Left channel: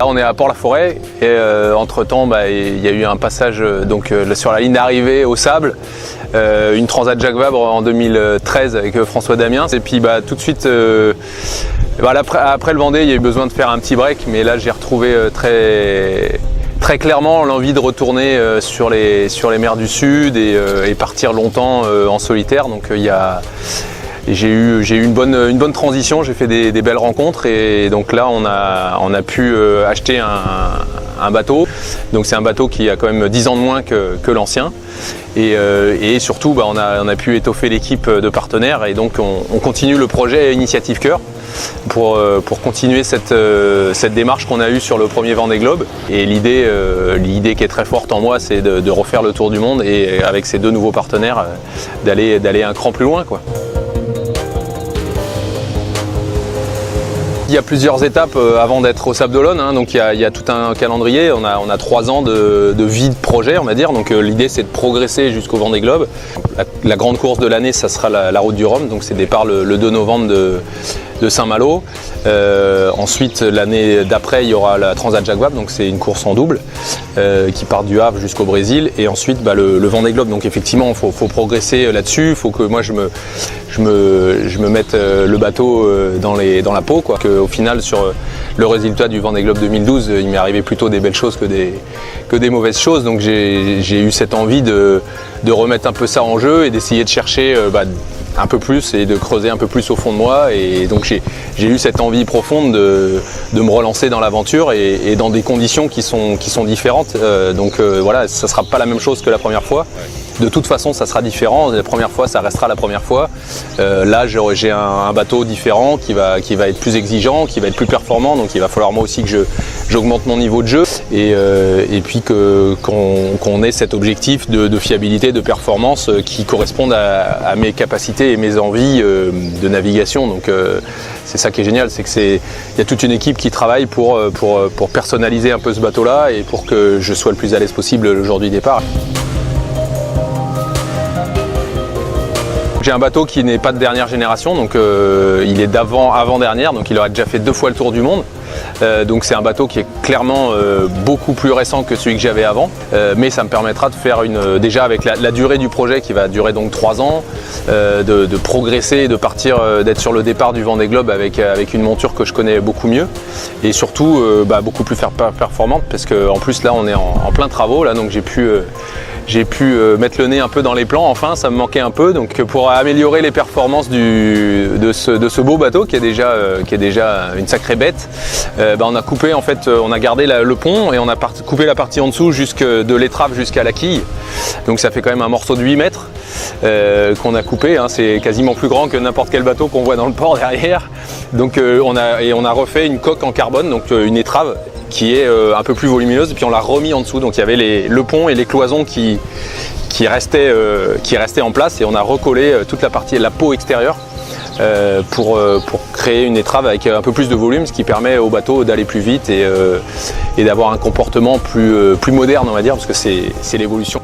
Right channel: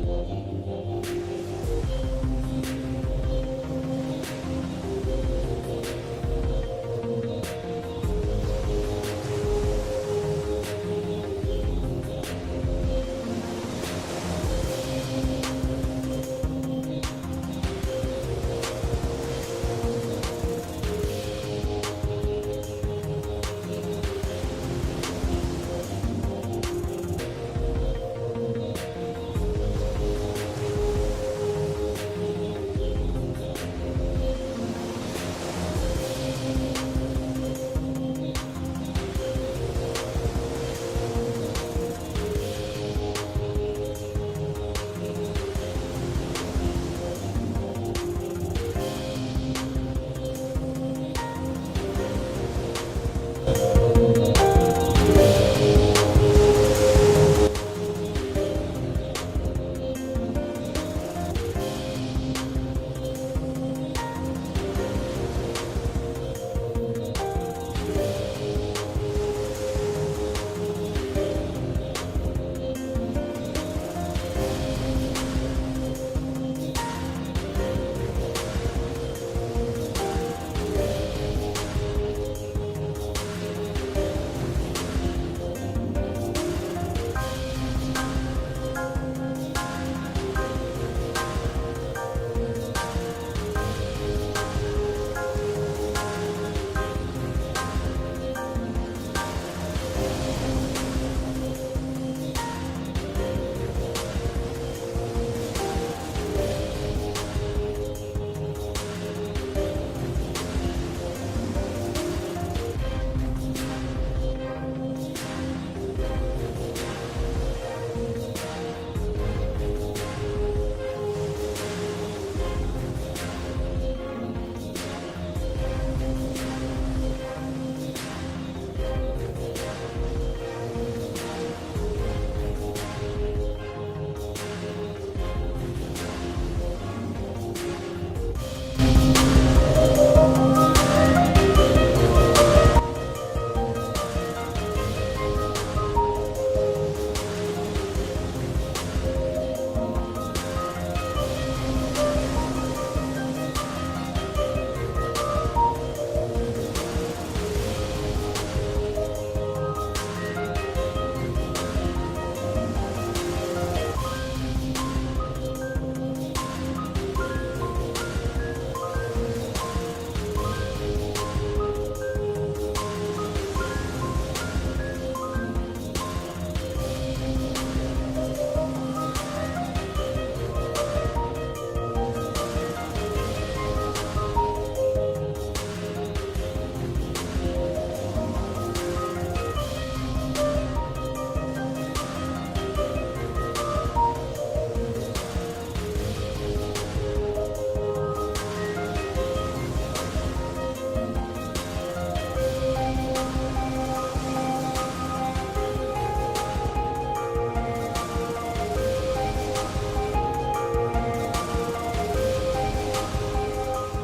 Là, on est à Port-la-Forêt et entre-temps, il y a eu un passage sur la ligne d'arrivée au sable, une Transat Jacques Vabre en 2013 avec François Damiens. Et puis tout de suite, après le Vendée, il y a eu besoin de faire un petit break, mais là j'ai retrouvé très clairement l'envie de retourner sur les mers du Sud et partir longtemps en solitaire. Donc j'ai eu une bonne transition, j'ai fait des belles rencontres et donc là on a pu acheter un bateau. Donc c'est un bateau qui a quand même 10 ans de moins que l'ancien et surtout on a pu étoffer l'équipe de partenaires et donc on continue le projet Initiative Cœur pour continuer cette démarche qu'on a eue sur le premier Vendée Globe. Et l'idée qui est très forte en moi, c'est de refaire le tour du monde et avec ces deux nouveaux partenaires d'aller un cran plus loin, quoi. Il y a plusieurs étapes avant d'être au Sable d'Olonne, hein. Donc il y a tout un calendrier, on a 3 ans de vie de projet, on va dire. Donc l'idée c'est de progresser jusqu'au Vendée Globe. La grande course de l'année, ça sera la Route du Rhum, donc c'est départ le 2 novembre de Saint-Malo. Ensuite, l'année d'après, il y aura la Transat Jacques Vabre, donc c'est une course en double qui part du Havre jusqu'au Brésil. Et ensuite, le Vendée Globe. Donc effectivement, il faut progresser là-dessus. Il faut que moi je me mette le bateau dans la peau, quoi. Au final, sur le résultat du Vendée Globe 2012, il m'est arrivé plutôt des belles choses que des mauvaises choses. Donc j'ai eu cette envie de remettre un peu ça en jeu et d'essayer de chercher un peu plus et de creuser un peu plus au fond de moi. Et donc j'ai eu cette envie profonde de me relancer dans l'aventure et dans des conditions qui sont différentes. Voilà, ça ne sera pas la même chose que la première fois. De toute façon, ça sera différent. La première fois, ça restera la première fois. Là, j'ai un bateau différent qui va être plus exigeant, qui va être plus performant. Donc il va falloir moi aussi que j'augmente mon niveau de jeu et puis qu'on ait cet objectif de fiabilité, de performance qui correspondent à mes capacités et mes envies de navigation. Donc c'est ça qui est génial, c'est qu'il y a toute une équipe qui travaille pour personnaliser un peu ce bateau-là et pour que je sois le plus à l'aise possible le jour du départ. J'ai un bateau qui n'est pas de dernière génération, donc il est avant-dernière, donc il aurait déjà fait 2 fois le tour du monde. Donc c'est un bateau qui est clairement beaucoup plus récent que celui que j'avais avant, mais ça me permettra de faire déjà avec la durée du projet qui va durer donc 3 ans, de progresser, de partir, d'être sur le départ du Vendée Globe avec une monture que je connais beaucoup mieux et surtout beaucoup plus performante parce qu'en plus là on est en plein travaux là, donc j'ai pu mettre le nez un peu dans les plans, enfin ça me manquait un peu, donc pour améliorer les performances de ce beau bateau qui est déjà une sacrée bête, on a coupé en fait, on a gardé le pont et on a coupé la partie en dessous de l'étrave jusqu'à la quille, donc ça fait quand même un morceau de 8 mètres qu'on a coupé, hein. C'est quasiment plus grand que n'importe quel bateau qu'on voit dans le port derrière, donc on a refait une coque en carbone, donc une étrave qui est un peu plus volumineuse, et puis on l'a remis en dessous, donc il y avait le pont et les cloisons qui restaient en place et on a recollé toute la peau extérieure pour créer une étrave avec un peu plus de volume, ce qui permet au bateau d'aller plus vite et d'avoir un comportement plus moderne, on va dire, parce que c'est l'évolution.